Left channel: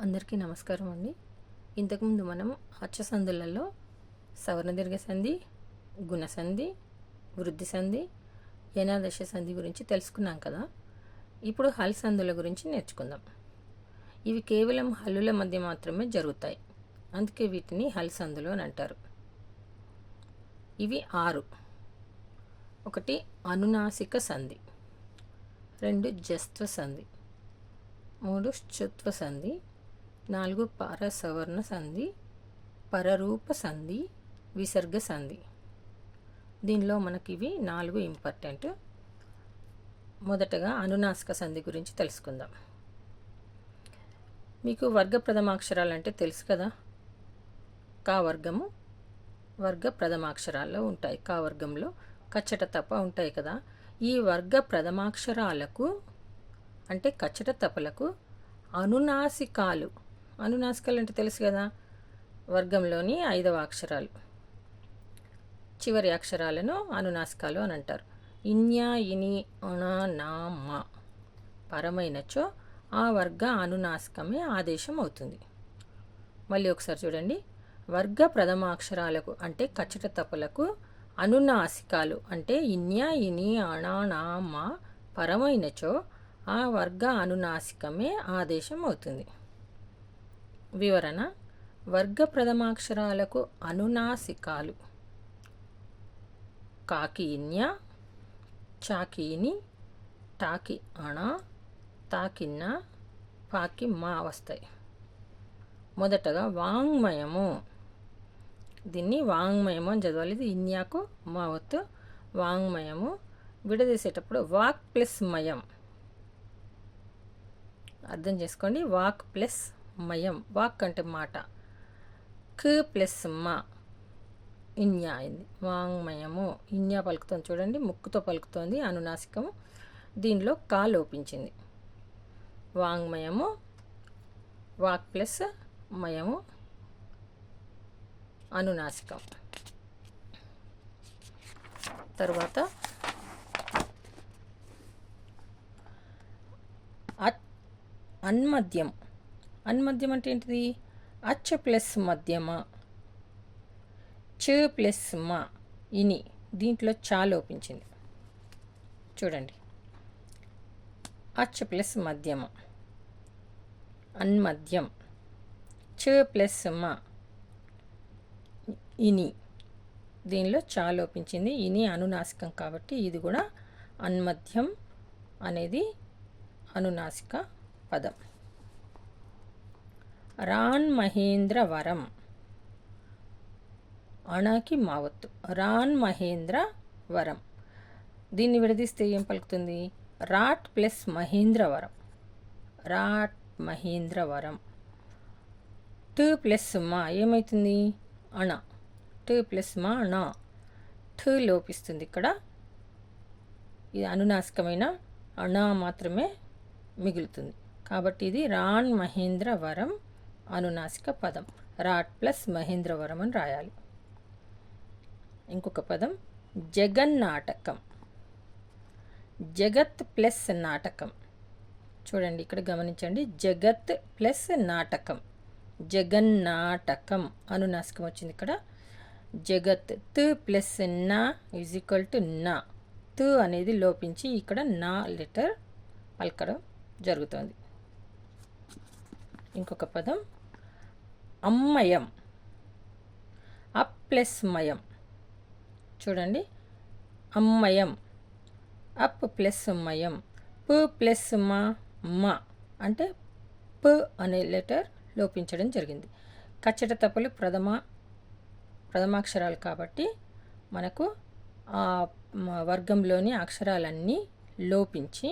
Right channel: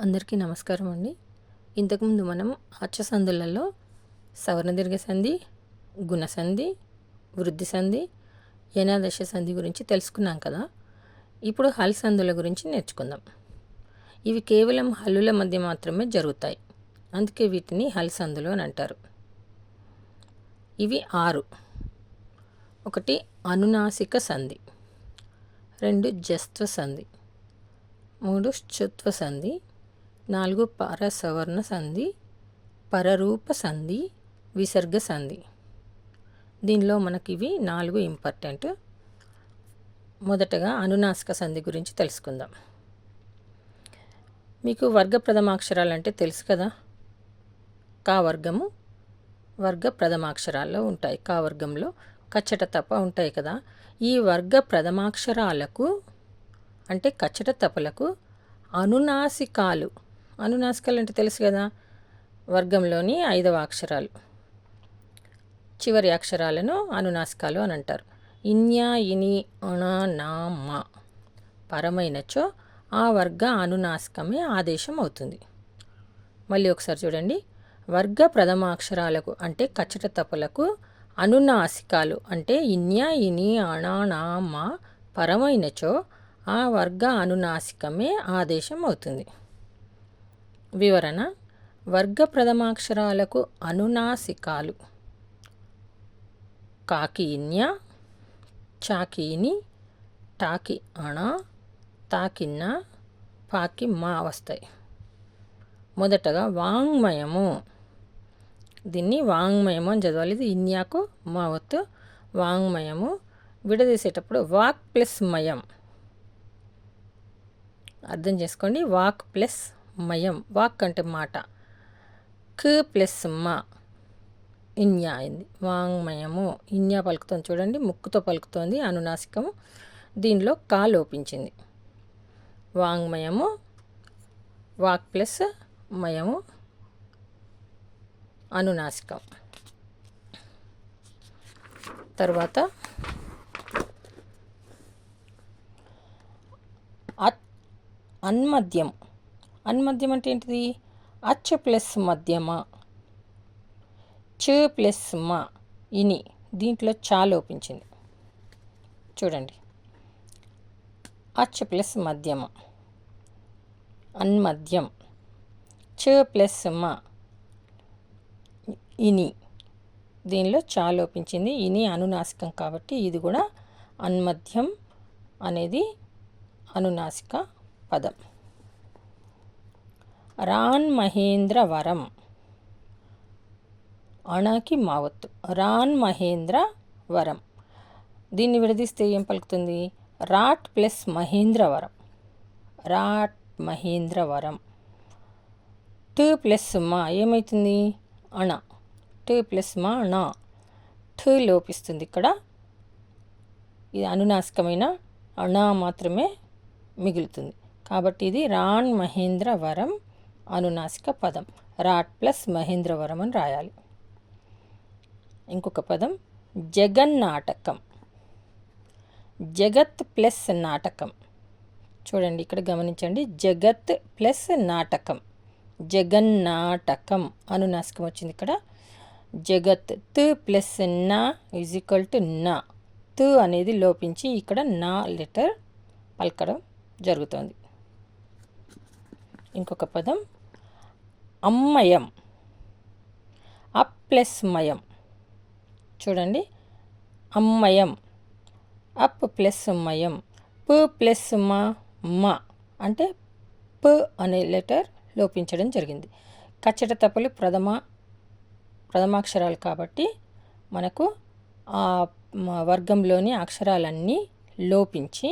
అందరికీ నమస్కారం అండి. ఇంతకుముందు మనం అచ్చసందులలో సవర్ణదీర్ఘ సంధి గుణసంధి వృద్ధి సంధి యనాదశ సంధి గురించి తెలుసుకున్నాం కదా. ఇప్పుడు హల్ సంధుల గురించి నేర్చుకుందాం. ఇవి కేవలం హల్లుల మధ్య మాత్రమే జరుగుతాయి. అందుకే వీటిని హల్ సంధులు అని అంటారు. ఇవి ఆరు. ఒకటి అనునాసిక సంధి. రెండు జస్త్వ సంధి. మూడు శుత్వ సంధి. నాలుగు పరసవర్ణ సంధి పరరూప సంధి విసర్గ సంధి. దీనిలో మనకి ఇవి నాలుగు ఇంపార్టెంట్. మొదటగా అనునాసిక సంధి గురించి తెలుసుకుందాం. మీకు వర్గ ప్రథమాక్షరాలు అంటే తెలుసు కదా? కా వర్గము వర్గ ప్రథమాక్షరాల్లో ఉంటాయి. కా వర్గంలో కచ్చట తప్ప ఉంటాయి కదా? ఈ వర్గ ప్రథమాక్షరాలకు అంటే కచ్చట తపలకు అనునాసికాలు అనునాసికలు అంటే తెలుసు కదా? వర్గంలోని ఐదవ అక్షరాలు. చివరి అక్షరాలను అనునాసికాలు అని అంటారు. ఇన్యా ఇని అణ నా మా పరమైనచో ఆ వర్గ అనునాసికమే ఆదేశం అవుతుంది. మళ్ళీ ఒకసారి చూడండి. వర్గ ప్రథమాక్షరాలకు అంటే కచ్చట తపలకు అనునాసికాలు అంటే ఇన్యా ఇని అణ నా మా పరమైనచో ఆ వర్గ అనునాసికమే ఆదేశం అవుతుంది. వివరణ. వర్గ ప్రథమాక్షరాలకు అనునాసికాలు. కాకీన్య చాకీని టాకి అణ తాకిన్న పాకి మా వస్తాయి మొదటగా వాంగ్మయము. దీన్ని వాంగ్మయము అని చదవాలి. ఇది ఇన్యాకు మా వత్తు వాంగ్మయము. విడదీసేటప్పుడు వాక్ ప్లస్ మయం. అర్థం చేసుకోండి. వాక్ ప్లస్ మయం వాక్ అంటే మాట. క్ ప్లస్ మా. ఇన్యా అయింది. వాంగ్మయము. ఇన్యా పలుకుతుంది చూడండి. ముక్కుతో పలుకుతోంది. అనునాసికము. దీనిలో కా లోపించింది. వాంగ్మయము. వాక్ ప్లస్ మయము. అనునాసికం. తర్వాత అత్ అన్మద్యం. అన్మద్యం అంటే ఏంటిది? అచ్చ ప్లస్ మధ్యమ చ ప్లస్ మా ఇని దీంట్లో చా లోపించింది చూడండి. అచ్చ ప్లస్ మధ్యమ అన్మద్యం చ ప్లస్ మా ఇని దీనిలో చా లోపించింది ఇని అనునాసికం కాబట్టి ఇది కూడా అన్మధ్యం అనేది అనునాసిక పదం. రాన్ మహేంద్ర వరం అణకి మావత్తు. రాన్ మహేంద్ర వరం దీన్ని విడదీస్తే ఏం పలుకుతుంది? రాట్ ప్లస్ మహేంద్రవరం. రాట్ మహేంద్రవరం. టు ప్లస్ మా ఏమవుతుంది అణ. టు ప్లస్ మా అణ ఠ లోపిస్తుంది ఇక్కడ. ఇది అనునాసికమైన అణ మాత్రమే మిగులుతుంది. కాబట్టి ఇది రాన్ మహేంద్రవరం అనునాసిక పదం. రాట్ ప్లస్ మహేంద్రవరం అని రాయాలి. ఇంకొక పదం జగన్నాటకం జగత్ ప్లస్ నాటకం. చూడండి ఇక్కడ గమనించండి. జగత్ ప్లస్ నాటకం. జగన్నాటకం అనునాసికం వచ్చింది ఇక్కడ. జగత్ త్ ప్లస్ నా ఈజ్ ఈక్వల్ టు నా. త్ అనేది లోపించి ఇక్కడ నా లెటర్ పలకడం జరుగుతుంది. ఇంకొక పదం అమ్మయం. అప్ ప్లస్ మయం చూడండి. అమ్మయం. అప్ ప్లస్ మయం. ప ప్లస్ మా మ. అంటే ప అనే లెటర్ లోపించడం జరిగింది. కచ్చట తప్పులు ప్రథమ ప్రథమాక్షరాలు కాబట్టి మనకు ఆ వర్గంలోని అక్షరాలన్నీ లోపించి